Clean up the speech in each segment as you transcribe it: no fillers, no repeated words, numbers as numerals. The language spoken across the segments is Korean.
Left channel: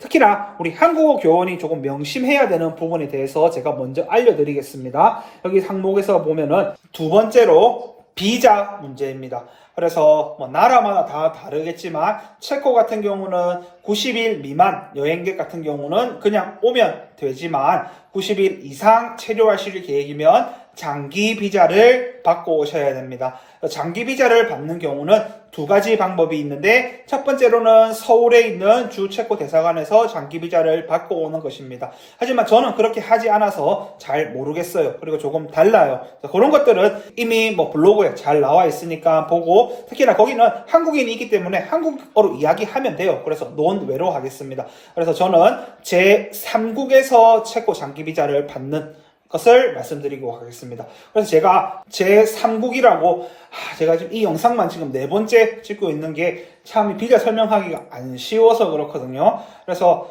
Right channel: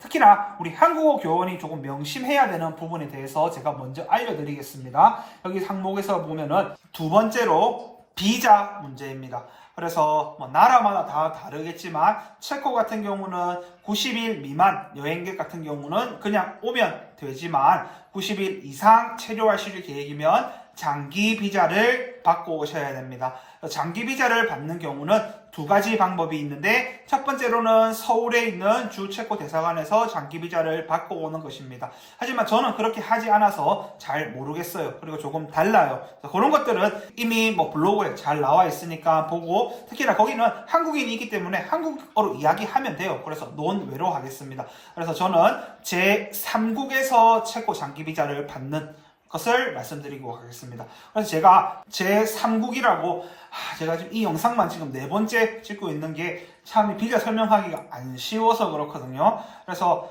특히나 우리 한국어 교원이 조금 명심해야 되는 부분에 대해서 제가 먼저 알려드리겠습니다. 여기 항목에서 보면은 두 번째로 비자 문제입니다. 그래서 뭐 나라마다 다 다르겠지만 체코 같은 경우는 90일 미만 여행객 같은 경우는 그냥 오면 되지만 90일 이상 체류하실 계획이면 장기 비자를 받고 오셔야 됩니다. 장기 비자를 받는 경우는 두 가지 방법이 있는데 첫 번째로는 서울에 있는 주 체코 대사관에서 장기 비자를 받고 오는 것입니다. 하지만 저는 그렇게 하지 않아서 잘 모르겠어요. 그리고 조금 달라요. 그런 것들은 이미 뭐 블로그에 잘 나와 있으니까 보고, 특히나 거기는 한국인이 있기 때문에 한국어로 이야기하면 돼요. 그래서 논외로 하겠습니다. 그래서 저는 제3국에서 체코 장기 비자를 받는 것을 말씀드리고 가겠습니다. 그래서 제가 제3국이라고 제가 지금 이 영상만 지금 4번째 찍고 있는 게 참 비자 설명하기가 안 쉬워서 그렇거든요. 그래서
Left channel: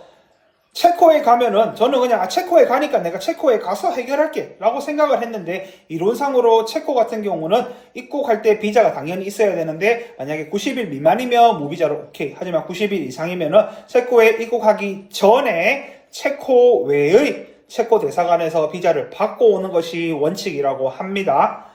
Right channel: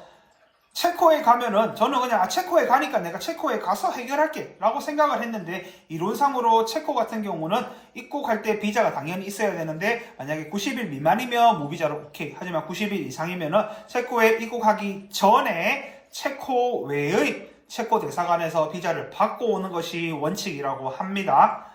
체코에 가면은 저는 그냥 체코에 가니까 내가 체코에 가서 해결할게 라고 생각을 했는데, 이론상으로 체코 같은 경우는 입국할 때 비자가 당연히 있어야 되는데 만약에 90일 미만이면 무비자로 오케이. 하지만 90일 이상이면은 체코에 입국하기 전에 체코 외의 체코 대사관에서 비자를 받고 오는 것이 원칙이라고 합니다.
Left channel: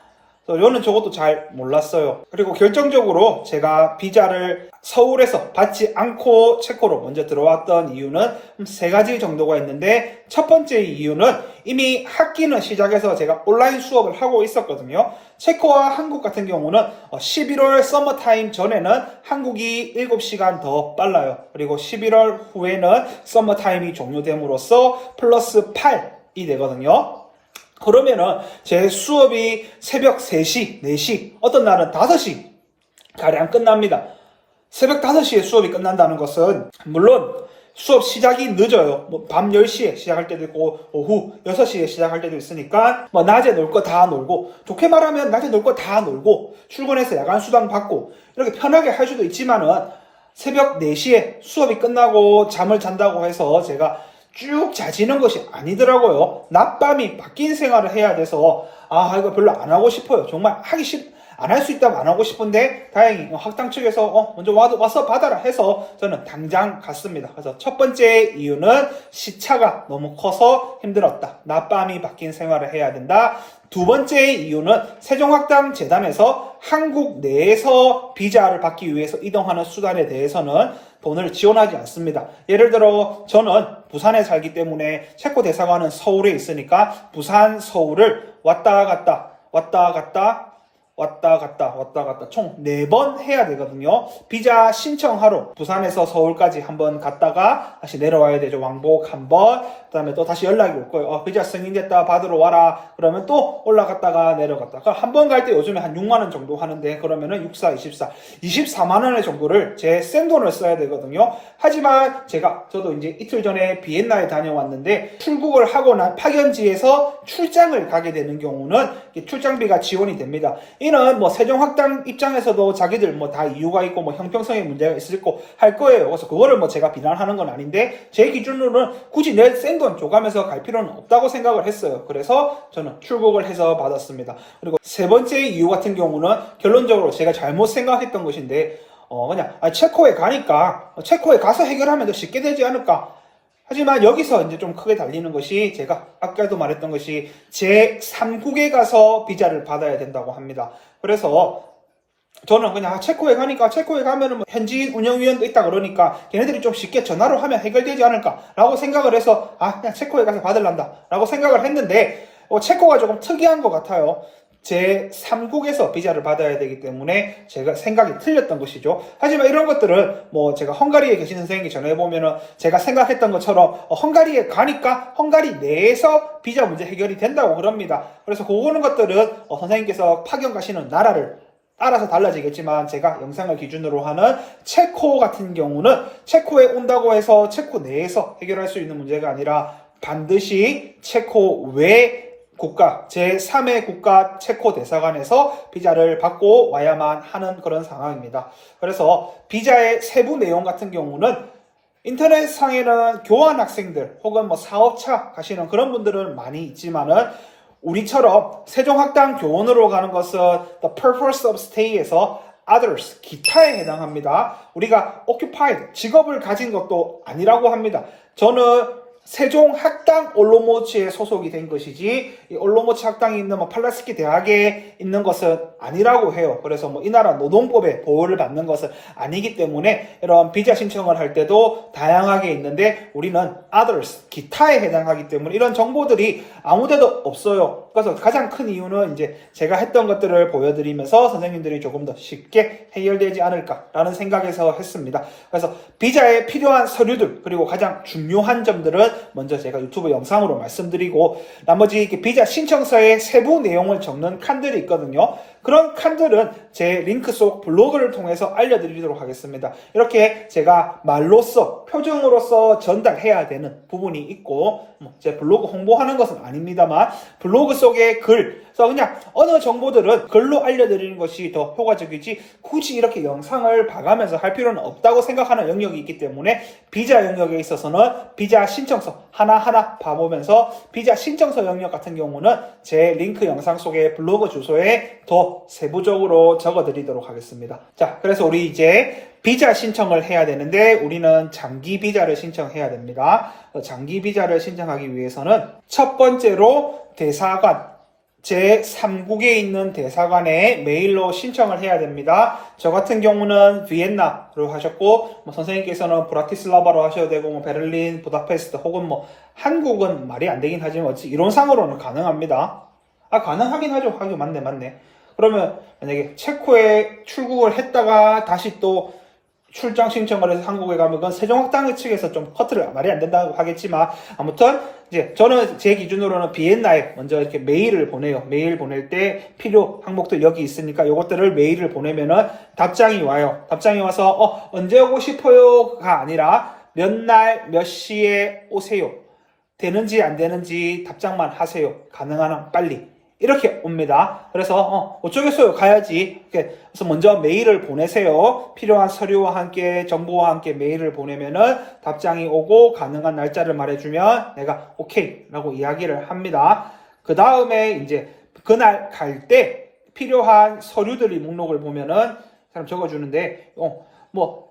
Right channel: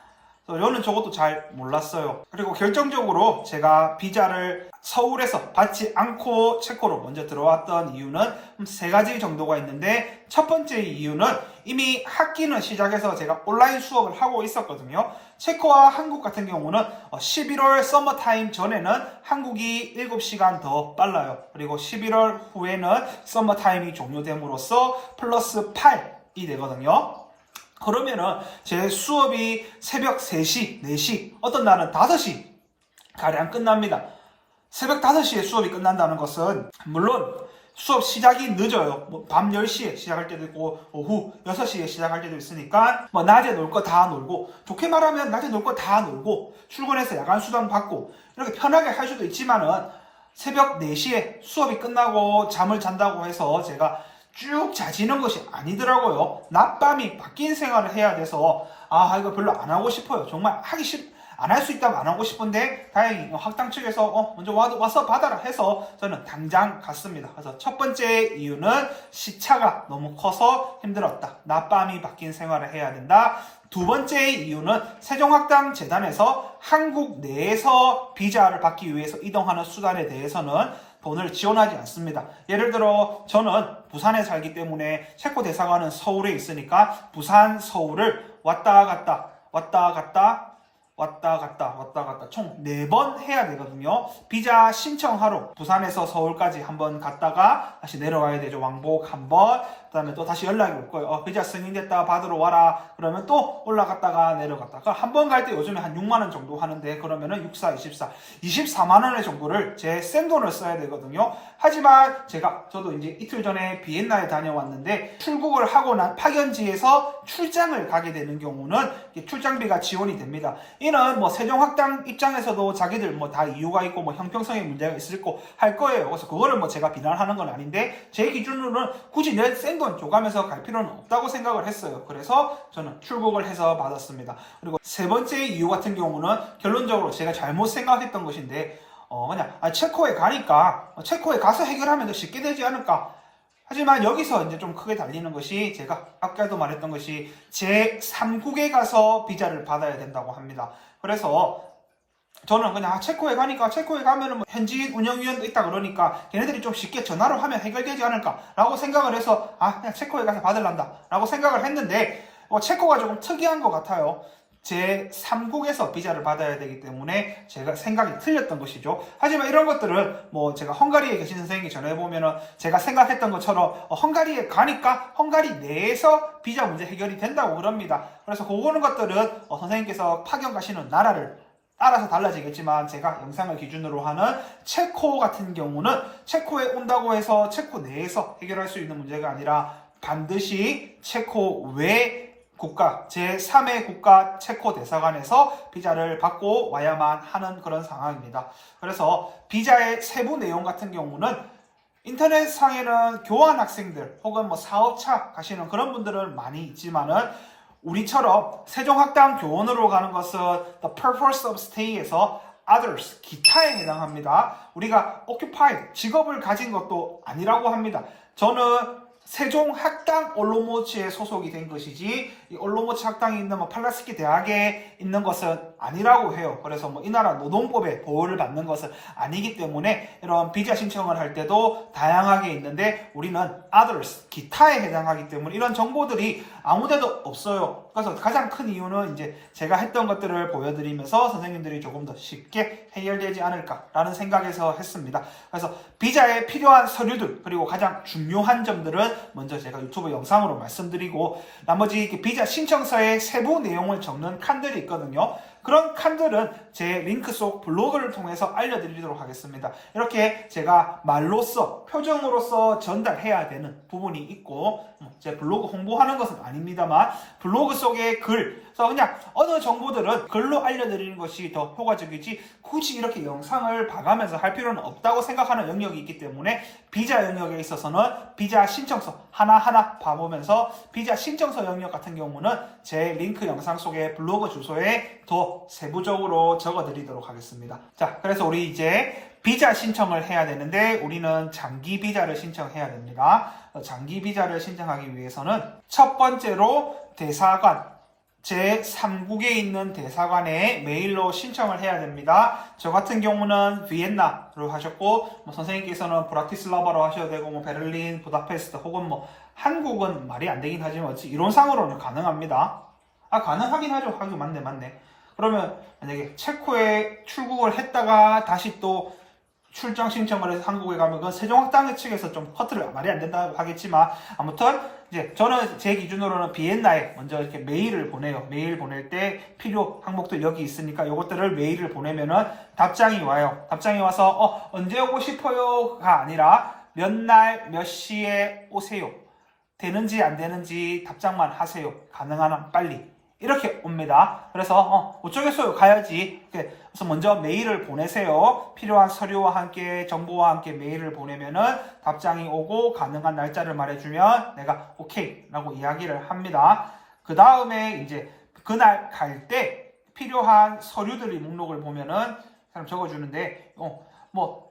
저는 저것도 잘 몰랐어요. 그리고 결정적으로 제가 비자를 서울에서 받지 않고 체코로 먼저 들어왔던 이유는 3가지 정도가 있는데, 첫 번째 이유는 이미 학기는 시작해서 제가 온라인 수업을 하고 있었거든요. 체코와 한국 같은 경우는 11월 서머타임 전에는 한국이 7시간 더 빨라요. 그리고 11월 후에는 서머타임이 종료됨으로써 플러스 8이 되거든요. 그러면은 제 수업이 새벽 3시, 4시, 어떤 날은 5시 가량 끝납니다. 새벽 5시에 수업이 끝난다는 것은 물론 수업 시작이 늦어요. 밤 10시에 시작할 때도 있고 오후 6시에 시작할 때도 있으니까 낮에 놀 거 다 놀고, 좋게 말하면 낮에 놀 거 다 놀고 출근해서 야간 수당 받고 이렇게 편하게 할 수도 있지만은 새벽 4시에 수업이 끝나고 잠을 잔다고 해서 제가 쭉 자지는 것이 아니더라고요. 낮밤이 바뀐 생활을 해야 돼서 이거 별로 안 하고 싶어요. 정말 안 할 수 있다면 안 하고 싶은데 다행히 학당 측에서 먼저 와서 받아라 해서 저는 당장 갔습니다. 그래서 첫 번째 이유는 시차가 너무 커서 힘들었다. 낮밤이 바뀐 생활을 해야 된다. 두 번째 이유는 세종학당재단에서 한국 내에서 비자를 받기 위해서 이동하는 수단에 대해서는 돈을 지원하지 않습니다. 예를 들어 저는 부산에 살기 때문에 체코 대사관은 서울에 있으니까 부산, 서울을 왔다 갔다 총 4번 해야 되거든요. 비자 신청하러 부산에서 서울까지 한번 갔다가 다시 내려와야 되죠. 왕복 한번. 그 다음에 또 다시 연락이 올 거예요. 비자 승인됐다, 받으러 와라. 그러면 또 올라갔다가 내려갔다가 한 번 갈 때 요즘에 한 6만원 정도 하는데, 그러면은 6, 4, 24 24만원의 정도를 제 생돈을 써야 되거든요. 하지만 저도 이제 이틀 전에 비엔나에 다녀왔는데, 출국을 하고 난 파견지에서 출장을 가게 되는 경우는 출장비가 지원이 됩니다. 이는 세종학당 입장에서도 자기들 다 이유가 있고 형평성의 문제가 있을 거 할 거예요. 그래서 그거를 제가 비난하는 건 아닌데, 제 기준으로는 굳이 내 생돈 줘가면서 갈 필요는 없다고 생각을 했어요. 그래서 저는 출국을 해서 받았습니다. 그리고 세 번째 이유 같은 경우는 결론적으로 제가 잘못 생각했던 것인데, 그냥 체코에 가니까 체코에 가서 해결하면 더 쉽게 되지 않을까. 하지만 여기서 이제 좀 크게 달리는 것이, 제가 아까도 말했던 것이 제3국에 가서 비자를 받아야 된다고 합니다. 그래서 저는 그냥 체코에 가면은 현지인 운영위원도 있다 그러니까 걔네들이 좀 쉽게 전화로 하면 해결되지 않을까 라고 생각을 해서 그냥 체코에 가서 받을란다 라고 생각을 했는데, 체코가 조금 특이한 것 같아요. 제3국에서 비자를 받아야 되기 때문에 제가 생각이 틀렸던 것이죠. 하지만 이런 것들은 제가 헝가리에 계신 선생님이 전해보면은 제가 생각했던 것처럼 헝가리에 가니까 헝가리 내에서 비자 문제 해결이 된다고 그럽니다. 그래서 그거는 것들은 선생님께서 파견 가시는 나라를 따라서 달라지겠지만, 제가 영상을 기준으로 하는 체코 같은 경우는 체코에 온다고 해서 체코 내에서 해결할 수 있는 문제가 아니라 반드시 체코 외 국가, 제3의 국가 체코 대사관에서 비자를 받고 와야만 하는 그런 상황입니다. 그래서 비자의 세부 내용 같은 경우는 인터넷상에는 교환 학생들 혹은 사업차 가시는 그런 분들은 많이 있지만은, 우리처럼 세종학당 교원으로 가는 것은 The Purpose of Stay에서 others, 기타에 해당합니다. 우리가 occupied, 직업을 가진 것도 아니라고 합니다. 저는 세종학당 올로모치에 소속이 된 것이지 이 올로모치 학당이 있는 팔라스키 대학에 있는 것은 아니라고 해요. 그래서 이 나라 노동법에 보호를 받는 것은 아니기 때문에 이런 비자 신청을 할 때도 다양하게 있는데 우리는 others, 기타에 해당하기 때문에 이런 정보들이 아무데도 없어요. 그래서 가장 큰 이유는 이제 제가 했던 것들을 보여드리면서 선생님들이 조금 더 쉽게 해결되지 않을까라는 생각에서 했습니다. 그래서 비자에 필요한 서류들 그리고 가장 중요한 점들은 먼저 제가 유튜브 영상으로 말씀드리고 나머지 비자 신청서의 세부 내용을 적는 칸들이 있거든요. 그런 칸들은 제 링크 속 블로그를 통해서 알려드리도록 하겠습니다. 이렇게 제가 말로써 표정으로서 전달해야 되는 부분이 있고 제 블로그 홍보하는 것은 아닙니다만 블로그 속의 글 그래서 그냥 어느 정보들은 글로 알려드리는 것이 더 효과적이지 굳이 이렇게 영상을 봐가면서 할 필요는 없다고 생각하는 영역이 있기 때문에 비자 영역에 있어서는 비자 신청서 하나하나 봐보면서 비자 신청서 영역 같은 경우는 제 링크 영상 속의 블로그 주소에 더 세부적으로 적어드리도록 하겠습니다. 자, 그래서 우리 이제 비자 신청을 해야 되는데 우리는 장기 비자를 신청해야 됩니다. 장기 비자를 신청하기 위해서는 첫 번째로 대사관 제3국에 있는 대사관에 메일로 신청을 해야 됩니다. 저 같은 경우는 비엔나로 하셨고 선생님께서는 브라티슬라바로 하셔도 되고 베를린, 부다페스트 혹은 한국은 말이 안 되긴 하지만 어찌 이론상으로는 가능합니다. 가능하긴 하죠. 하긴 맞네. 그러면 만약에 체코에 출국을 했다가 다시 또 출장 신청을 해서 한국에 가면 그건 세종학당 측에서 좀 커트를 말이 안 된다고 하겠지만 아무튼 이제 저는 제 기준으로는 비엔나에 먼저 이렇게 메일을 보내요. 메일 보낼 때 필요 항목들 여기 있으니까 이것들을 메일을 보내면은 답장이 와요. 답장이 와서 언제 오고 싶어요가 아니라 몇 날 몇 시에 오세요. 되는지 안 되는지 답장만 하세요. 가능한 한 빨리. 이렇게 옵니다. 그래서 어쩌겠어요. 가야지. 그래서 먼저 메일을 보내세요. 필요한 서류와 함께 정보와 함께 메일을 보내면은 답장이 오고 가능한 날짜를 말해주면 내가 오케이 라고 이야기를 합니다. 그 다음에 이제 그날 갈 때 필요한 서류들이 목록을 보면은 사람 적어주는데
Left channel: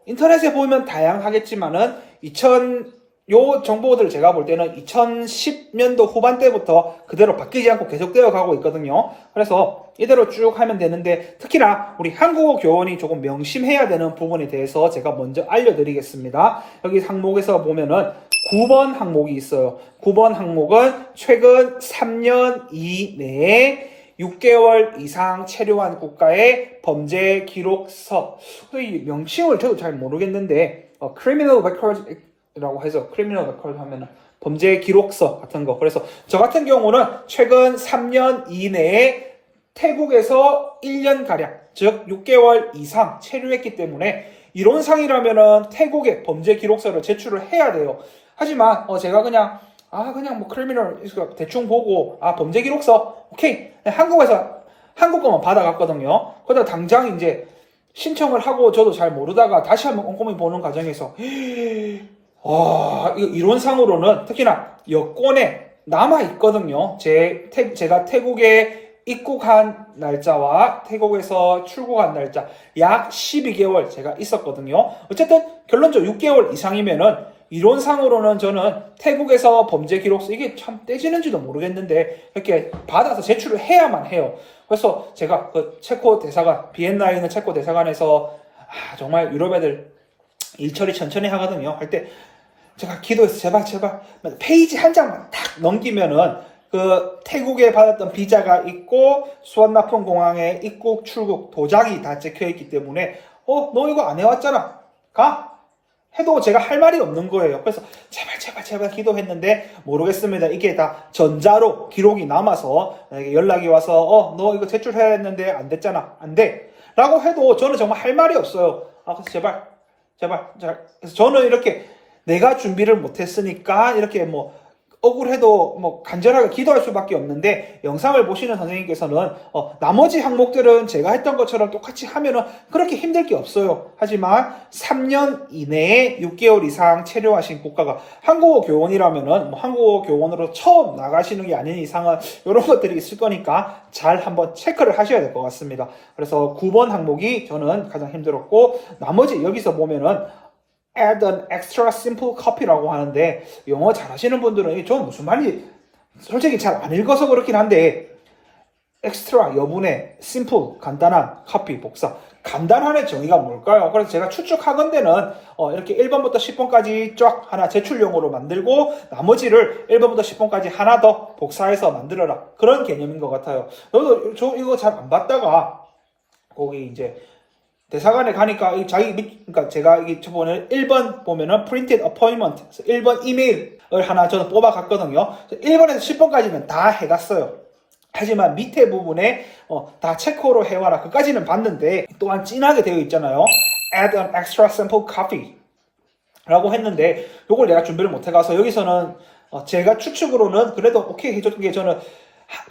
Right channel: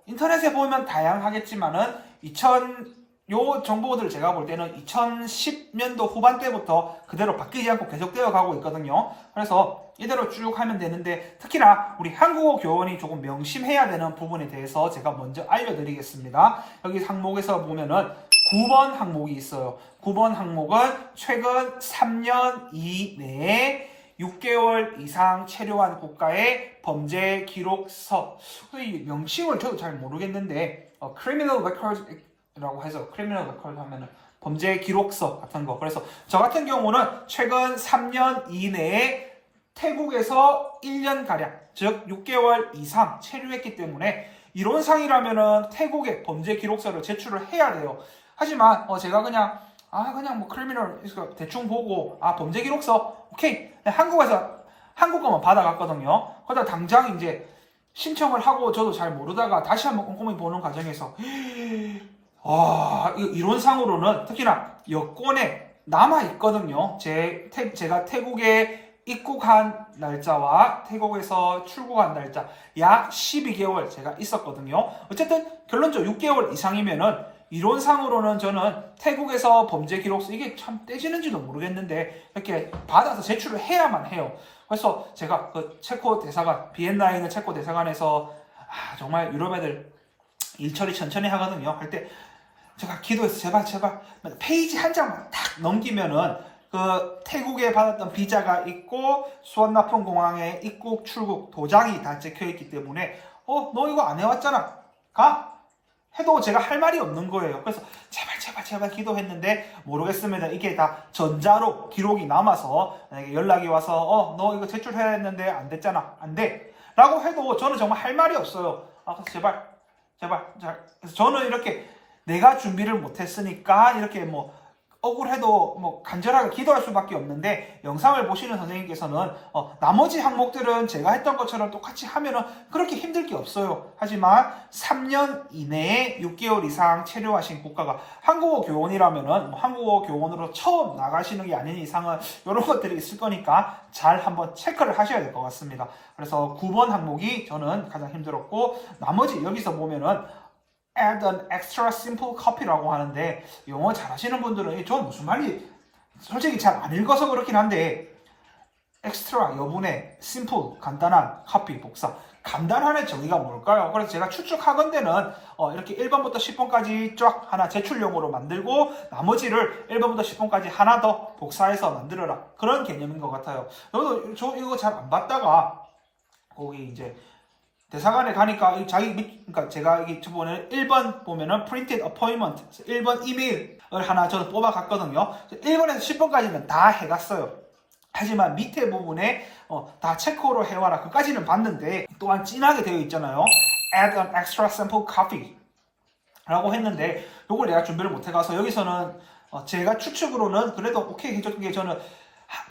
인터넷에 보면 다양하겠지만은 요 정보들 제가 볼 때는 2010년도 후반대부터 그대로 바뀌지 않고 계속되어 가고 있거든요. 그래서 이대로 쭉 하면 되는데 특히나 우리 한국어 교원이 조금 명심해야 되는 부분에 대해서 제가 먼저 알려드리겠습니다. 여기 항목에서 보면은 9번 항목이 있어요. 9번 항목은 최근 3년 이내에 6개월 이상 체류한 국가의 범죄 기록서. 이 명칭을 저도 잘 모르겠는데 criminal record 라고 해서 크리미널 레코드 하면은 범죄 기록서 같은 거. 그래서 저 같은 경우는 최근 3년 이내에 태국에서 1년 가량, 즉 6개월 이상 체류했기 때문에 이론상이라면은 태국에 범죄 기록서를 제출을 해야 돼요. 하지만 제가 그냥 크리미널 대충 보고 범죄 기록서 오케이 한국에서 한국 거만 받아갔거든요. 그러다 당장 이제 신청을 하고 저도 잘 모르다가 다시 한번 꼼꼼히 보는 과정에서 이거 이론상으로는 특히나 여권에 남아있거든요. 제가 태국에 입국한 날짜와 태국에서 출국한 날짜 약 12개월 제가 있었거든요. 어쨌든 결론적으로 6개월 이상이면은 이론상으로는 저는 태국에서 범죄 기록서 이게 참 떼지는지도 모르겠는데 이렇게 받아서 제출을 해야만 해요. 그래서 제가 그 체코 대사관, 비엔나에 있는 체코 대사관에서 정말 유럽 애들 일 처리 천천히 하거든요. 할 때 제가 기도해서 제발 페이지 한 장만 딱 넘기면은 그 태국에 받았던 비자가 있고 수완나푼 공항에 입국 출국 도장이 다 찍혀 있기 때문에 너 이거 안 해왔잖아 가 해도 제가 할 말이 없는 거예요. 그래서 제발 기도했는데 모르겠습니다. 이게 다 전자로 기록이 남아서 연락이 와서 너 이거 제출해야 했는데 안 됐잖아 안 돼 라고 해도 저는 정말 할 말이 없어요. 그래서 제발 그래서 저는 이렇게 내가 준비를 못했으니까 이렇게 억울해도 뭐 간절하게 기도할 수밖에 없는데 영상을 보시는 선생님께서는 나머지 항목들은 제가 했던 것처럼 똑같이 하면은 그렇게 힘들 게 없어요. 하지만 3년 이내에 6개월 이상 체류하신 국가가 한국어 교원이라면은 뭐 한국어 교원으로 처음 나가시는 게 아닌 이상은 이런 것들이 있을 거니까 잘 한번 체크를 하셔야 될 것 같습니다. 그래서 9번 항목이 저는 가장 힘들었고, 나머지 여기서 보면은 add an extra simple copy라고 하는데, 영어 잘하시는 분들은 저 무슨 말이 솔직히 잘 안 읽어서 그렇긴 한데, extra 여분의 simple 간단한 copy 복사, 간단한의 정의가 뭘까요? 그래서 제가 추측하건대는 이렇게 1번부터 10번까지 쫙 하나 제출용으로 만들고 나머지를 1번부터 10번까지 하나 더 복사해서 만들어라, 그런 개념인 것 같아요. 저 이거 잘 안 봤다가 거기 이제 대사관에 가니까 그러니까 제가 이게 저번에 1번 보면은 printed appointment, 1번 이메일을 하나 저는 뽑아갔거든요. 1번에서 10번까지는 다 해갔어요. 하지만 밑에 부분에 다 체크로 해와라, 그까지는 봤는데 또한 진하게 되어 있잖아요. add an extra sample copy 라고 했는데 요걸 내가 준비를 못 해가서 여기서는 제가 추측으로는 그래도 오케이 해줬던 게, 저는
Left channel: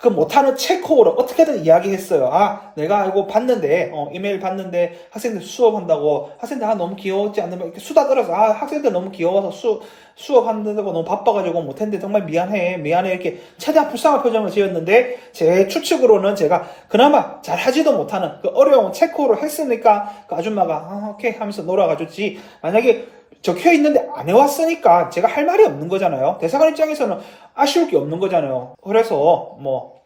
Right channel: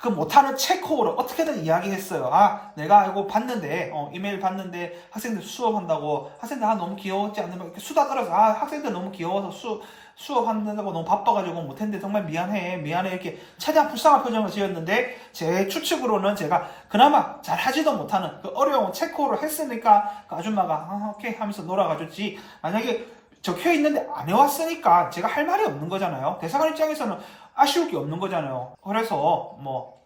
그 못하는 체코어로 어떻게든 이야기했어요. 내가 이거 봤는데, 이메일 봤는데 학생들 수업한다고, 학생들 너무 귀여웠지 않으면 이렇게 수다 떨어서, 학생들 너무 귀여워서 수업한다고 너무 바빠가지고 못했는데 정말 미안해 이렇게 최대한 불쌍한 표정을 지었는데, 제 추측으로는 제가 그나마 잘 하지도 못하는 그 어려운 체코어를 했으니까 그 아줌마가 오케이 하면서 놀아가줬지, 만약에 적혀 있는데 안 해왔으니까 제가 할 말이 없는 거잖아요. 대사관 입장에서는 아쉬울 게 없는 거잖아요. 그래서 뭐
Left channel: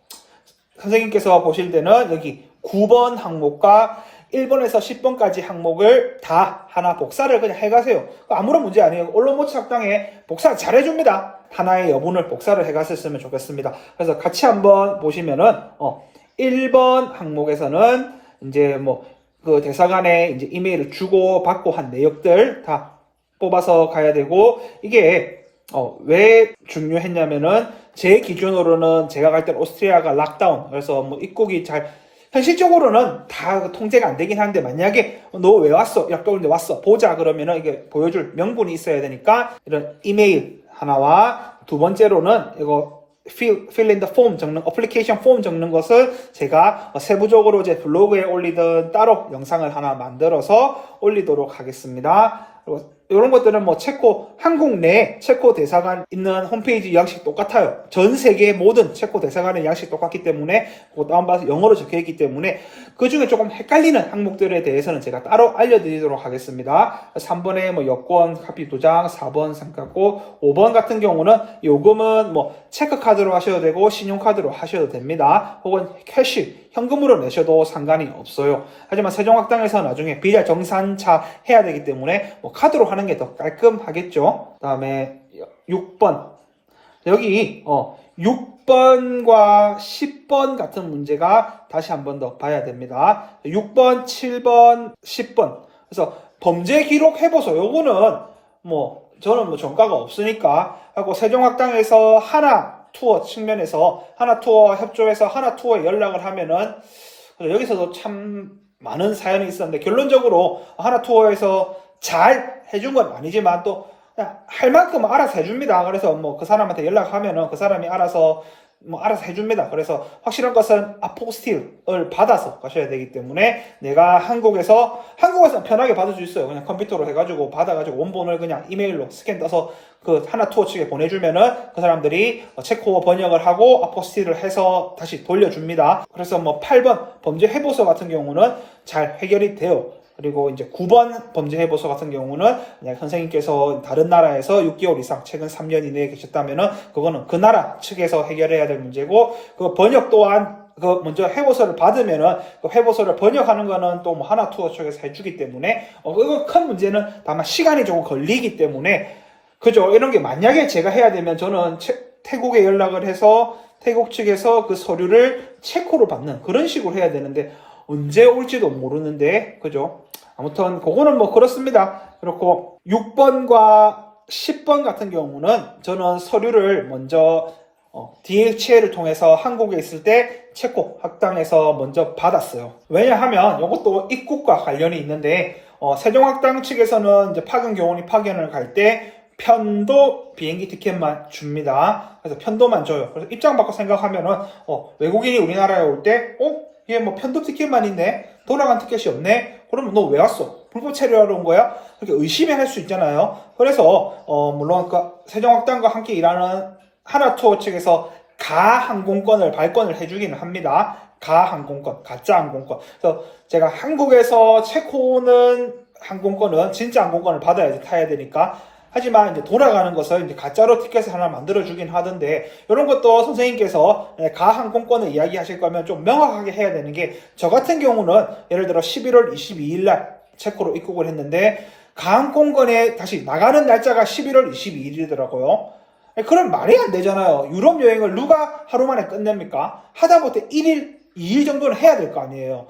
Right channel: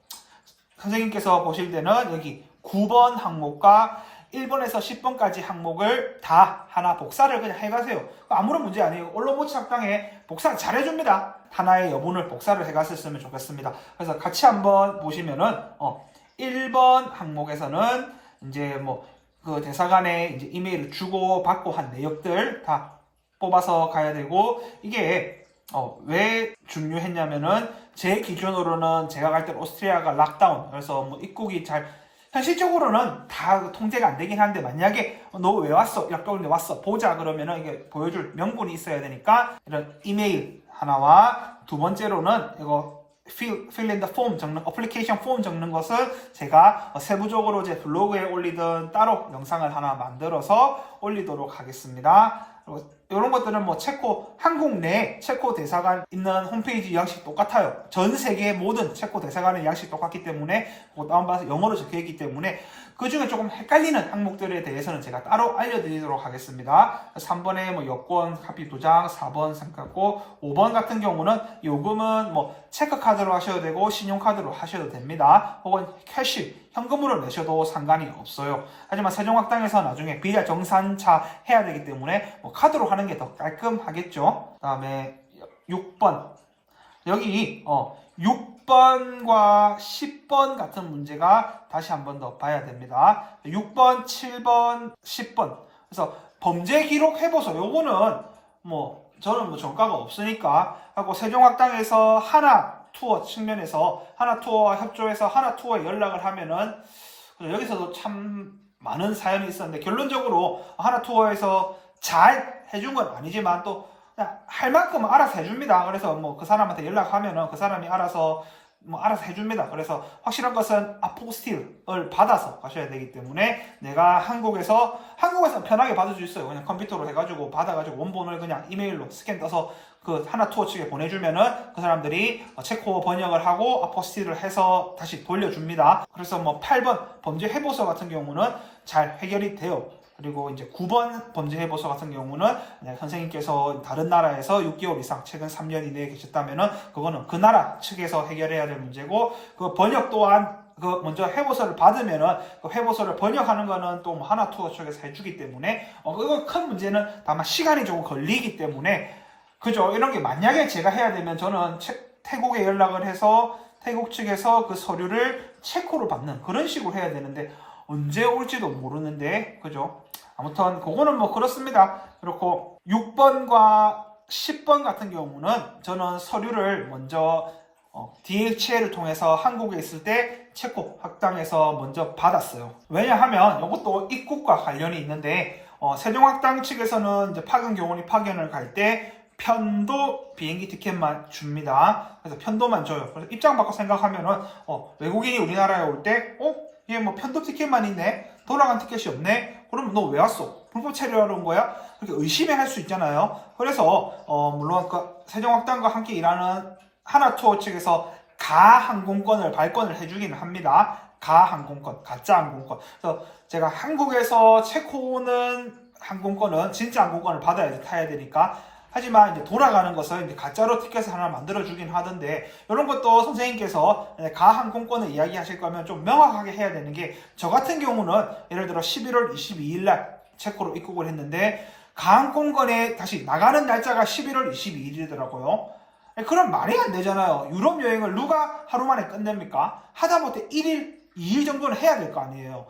선생님께서 보실 때는 여기 9번 항목과 1번에서 10번까지 항목을 다 하나 복사를 그냥 해가세요. 아무런 문제 아니에요. 언론모치 학당에 복사를 잘 해줍니다. 하나의 여분을 복사를 해갔었으면 좋겠습니다. 그래서 같이 한번 보시면은 1번 항목에서는 이제 뭐 그 대사관에 이제 이메일을 주고 받고 한 내역들 다 뽑아서 가야 되고, 이게 왜 중요했냐면은 제 기준으로는 제가 갈 때 오스트리아가 락다운, 그래서 뭐 입국이 잘 현실적으로는 다 통제가 안 되긴 한데, 만약에 너 왜 왔어? 이렇게 오는데 왔어 보자 그러면은 이게 보여줄 명분이 있어야 되니까 이런 이메일 하나와, 두 번째로는 이거 fill in the form 적는, 어플리케이션 폼 적는 것을 제가 세부적으로 제 블로그에 올리든 따로 영상을 하나 만들어서 올리도록 하겠습니다. 그리고 이런 것들은 뭐 체코, 한국 내 체코 대사관 있는 홈페이지 양식 똑같아요. 전 세계 모든 체코 대사관의 양식 똑같기 때문에 그거 다운받아서 영어로 적혀있기 때문에 그 중에 조금 헷갈리는 항목들에 대해서는 제가 따로 알려드리도록 하겠습니다. 3번에 뭐 여권, 카피 2장, 4번 삼각고, 5번 같은 경우는 요금은 뭐 체크카드로 하셔도 되고 신용카드로 하셔도 됩니다. 혹은 캐시, 현금으로 내셔도 상관이 없어요. 하지만 세종학당에서 나중에 비자 정산차 해야 되기 때문에 뭐 카드로 하는 게 더 깔끔하겠죠. 그 다음에 6번. 여기 6번과 10번 같은 문제가 다시 한 번 더 봐야 됩니다. 6번, 7번, 10번. 그래서 범죄 기록 해보소. 요거는 뭐 저는 뭐 전과가 없으니까 하고, 세종학당에서 하나 투어 측면에서 하나 투어 협조해서 하나 투어에 연락을 하면은, 여기서도 참 많은 사연이 있었는데 결론적으로 하나 투어에서 잘 해준 건 아니지만 또 그냥 할 만큼 알아서 해줍니다. 그래서 뭐 그 사람한테 연락하면은 그 사람이 알아서 해줍니다. 그래서 확실한 것은 아포스틸을 받아서 가셔야 되기 때문에, 내가 한국에서 편하게 받을 수 있어요. 그냥 컴퓨터로 해가지고 받아가지고 원본을 그냥 이메일로 스캔 떠서 그 하나 투어 측에 보내주면은 그 사람들이 체코어 번역을 하고 아포스틸을 해서 다시 돌려줍니다. 그래서 뭐 8번 범죄 해보서 같은 경우는 잘 해결이 돼요. 그리고 이제 9번 범죄 해보서 같은 경우는 선생님께서 다른 나라에서 6개월 이상 최근 3년 이내에 계셨다면은 그거는 그 나라 측에서 해결해야 될 문제고, 그 번역 또한 그 먼저 해보서를 받으면은 그 해보서를 번역하는 거는 또 뭐 하나 투어 측에서 해주기 때문에 그거 큰 문제는 다만 시간이 조금 걸리기 때문에, 그죠? 이런 게 만약에 제가 해야 되면 저는 태국에 연락을 해서 태국 측에서 그 서류를 체코로 받는 그런 식으로 해야 되는데 언제 올지도 모르는데, 그죠? 아무튼 그거는 뭐 그렇습니다. 그렇고 6번과 10번 같은 경우는 저는 서류를 먼저 DHL을 통해서 한국에 있을 때 체코 학당에서 먼저 받았어요. 왜냐하면 이것도 입국과 관련이 있는데, 세종학당 측에서는 이제 파견 교원이 파견을 갈 때 편도 비행기 티켓만 줍니다. 그래서 편도만 줘요. 그래서 입장 바꿔 생각하면은 외국인이 우리나라에 올 때 얘 뭐 편도 티켓만 있네, 돌아간 티켓이 없네, 그러면 너 왜 왔어? 불법 체류하러 온 거야? 그렇게 의심할 수 있잖아요. 그래서 물론 세종학당과 함께 일하는 하나투어 측에서 가항공권을 발권을 해주기는 합니다. 가항공권, 가짜 항공권. 그래서 제가 한국에서 체코 오는 항공권은 진짜 항공권을 받아야지 타야 되니까. 하지만 이제 돌아가는 것을 이제 가짜로 티켓을 하나 만들어주긴 하던데, 이런 것도 선생님께서 가항공권을 이야기하실 거면 좀 명확하게 해야 되는 게, 저 같은 경우는 예를 들어 11월 22일 날 체코로 입국을 했는데, 가항공권에 다시 나가는 날짜가 11월 22일이더라고요. 그럼 말이 안 되잖아요. 유럽 여행을 누가 하루 만에 끝냅니까? 하다못해 1일, 2일 정도는 해야 될 거 아니에요.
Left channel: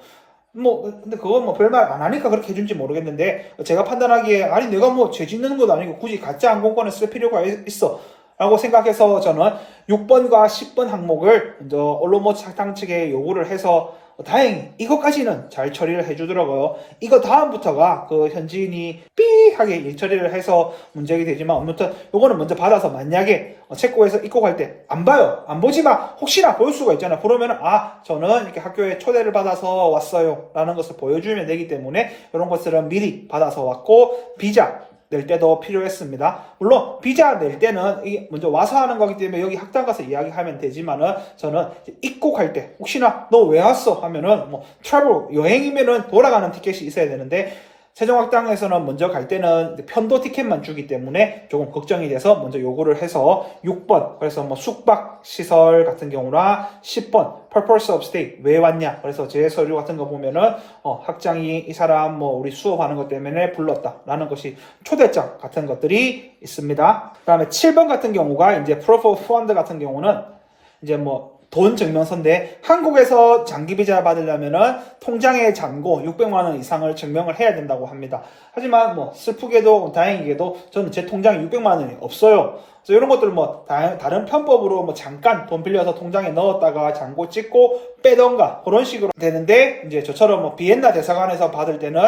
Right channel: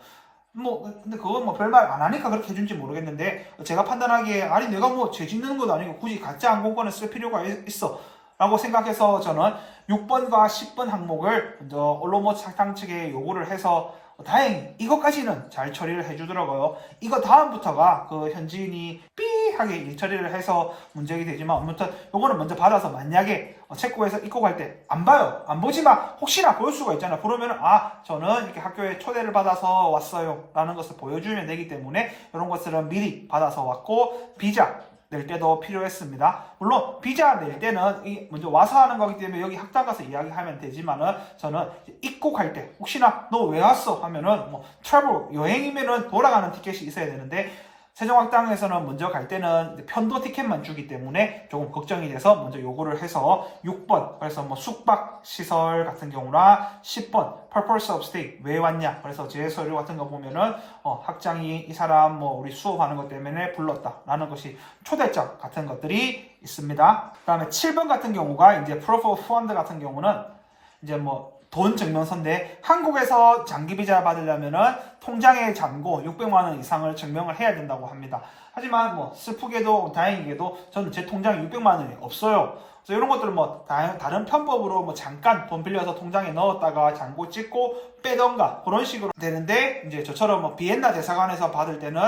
근데 그건 별말 안 하니까 그렇게 해준지 모르겠는데, 제가 판단하기에, 아니, 내가 죄 짓는 것도 아니고 굳이 가짜 항공권을 쓸 필요가 있어 라고 생각해서 저는 6번과 10번 항목을 먼저 올로모츠 학당 측에 요구를 해서, 다행히 이것까지는 잘 처리를 해주더라고요. 이거 다음부터가 그 현지인이 삐하게 일 처리를 해서 문제가 되지만, 아무튼 요거는 먼저 받아서, 만약에 체코에서 입국할 때 안 봐요, 안 보지만 혹시나 볼 수가 있잖아. 그러면 저는 이렇게 학교에 초대를 받아서 왔어요 라는 것을 보여주면 되기 때문에, 이런 것들은 미리 받아서 왔고, 비자 낼 때도 필요했습니다. 물론 비자 낼 때는 이게 먼저 와서 하는 거기 때문에 여기 학당 가서 이야기하면 되지만은, 저는 입국할 때 혹시나 너 왜 왔어 하면은 트래블 여행이면은 돌아가는 티켓이 있어야 되는데, 세종학당에서는 먼저 갈 때는 편도 티켓만 주기 때문에 조금 걱정이 돼서 먼저 요구를 해서 6번, 그래서 숙박 시설 같은 경우나 10번 purpose of stay, 왜 왔냐, 그래서 제 서류 같은 거 보면은 학장이 이 사람 우리 수업하는 것 때문에 불렀다 라는 것이 초대장 같은 것들이 있습니다. 그 다음에 7번 같은 경우가 이제 proof of fund 같은 경우는 이제 돈 증명서인데, 한국에서 장기 비자 받으려면은 통장의 잔고 600만 원 이상을 증명을 해야 된다고 합니다. 하지만 슬프게도 다행히게도 저는 제 통장에 600만 원이 없어요. 그래서 이런 것들 다른 편법으로 잠깐 돈 빌려서 통장에 넣었다가 잔고 찍고 빼던가 그런 식으로 되는데, 이제 저처럼 비엔나 대사관에서 받을 때는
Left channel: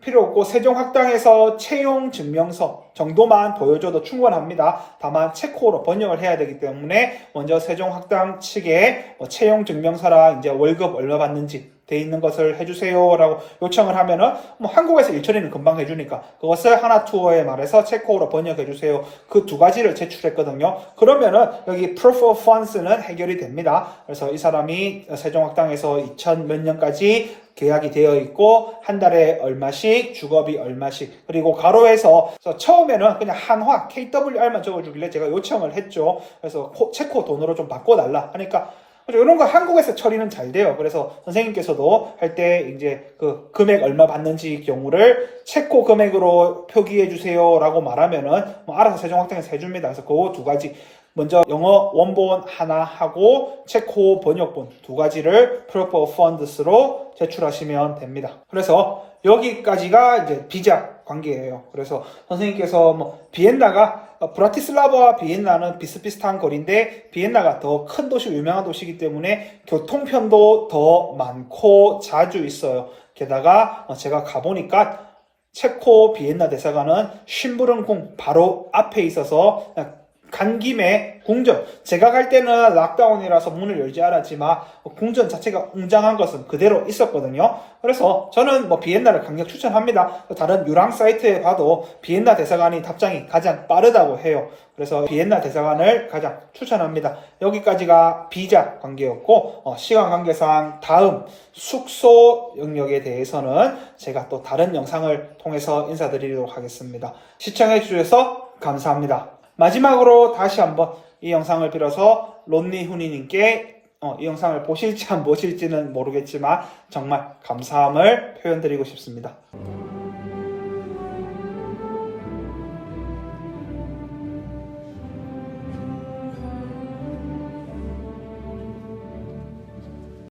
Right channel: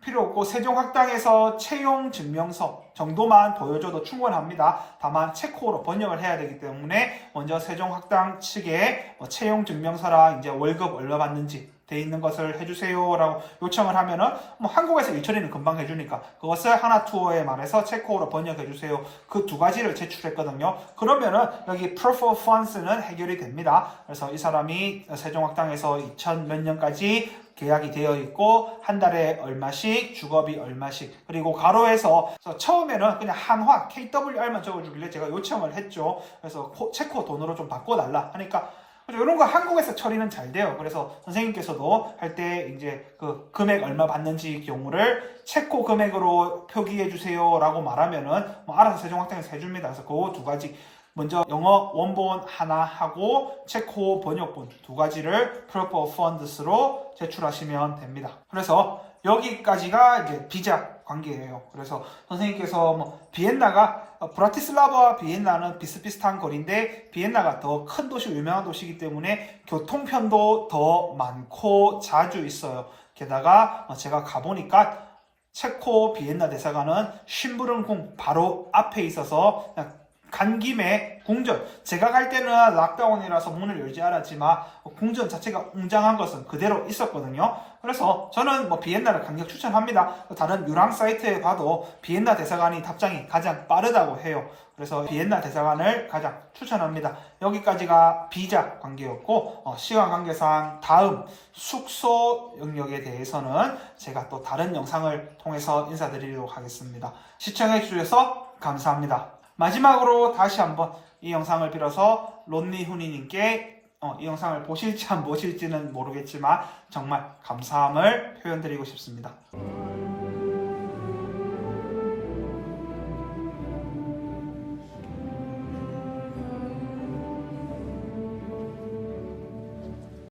필요 없고, 세종학당에서 채용 증명서 정도만 보여줘도 충분합니다. 다만 체코어로 번역을 해야 되기 때문에 먼저 세종학당 측에 채용 증명서랑 이제 월급 얼마 받는지 돼 있는 것을 해주세요 라고 요청을 하면은 한국에서 일처리는 금방 해주니까 그것을 하나투어에 말해서 체코어로 번역해 주세요, 그 두 가지를 제출했거든요. 그러면은 여기 proof of funds는 해결이 됩니다. 그래서 이 사람이 세종학당에서 2000 몇 년까지 계약이 되어 있고, 한 달에 얼마씩, 주거비 얼마씩, 그리고 가로에서 처음에는 그냥 한화 KWR만 적어주길래 제가 요청을 했죠. 그래서 체코 돈으로 좀 바꿔달라 하니까, 이런 거 한국에서 처리는 잘 돼요. 그래서 선생님께서도 할 때 이제 그 금액 얼마 받는지 경우를 체코 금액으로 표기해 주세요 라고 말하면은 알아서 세종학당에서 해줍니다. 그래서 그 두 가지, 먼저 영어 원본 하나 하고 체코 번역본 두 가지를 proof of funds로 제출하시면 됩니다. 그래서 여기까지가 이제 비자 관계예요. 그래서 선생님께서 비엔나가, 브라티슬라바와 비엔나는 비슷비슷한 거리인데, 비엔나가 더 큰 도시, 유명한 도시이기 때문에 교통편도 더 많고 자주 있어요. 게다가 제가 가보니까 체코 비엔나 대사관은 심부름궁 바로 앞에 있어서 간 김에 궁전, 제가 갈 때는 락다운이라서 문을 열지 않았지만 궁전 자체가 웅장한 것은 그대로 있었거든요. 그래서 저는 비엔나를 강력 추천합니다. 다른 유랑 사이트에 봐도 비엔나 대사관이 답장이 가장 빠르다고 해요. 그래서 비엔나 대사관을 가장 추천합니다. 여기까지가 비자 관계였고, 시간 관계상 다음 숙소 영역에 대해서는 제가 또 다른 영상을 통해서 인사드리도록 하겠습니다. 시청해 주셔서 감사합니다. 마지막으로 다시 한번 이 영상을 빌어서 론니 훈이님께 이 영상을 보실지 안 보실지는 모르겠지만 정말 감사함을 표현드리고 싶습니다.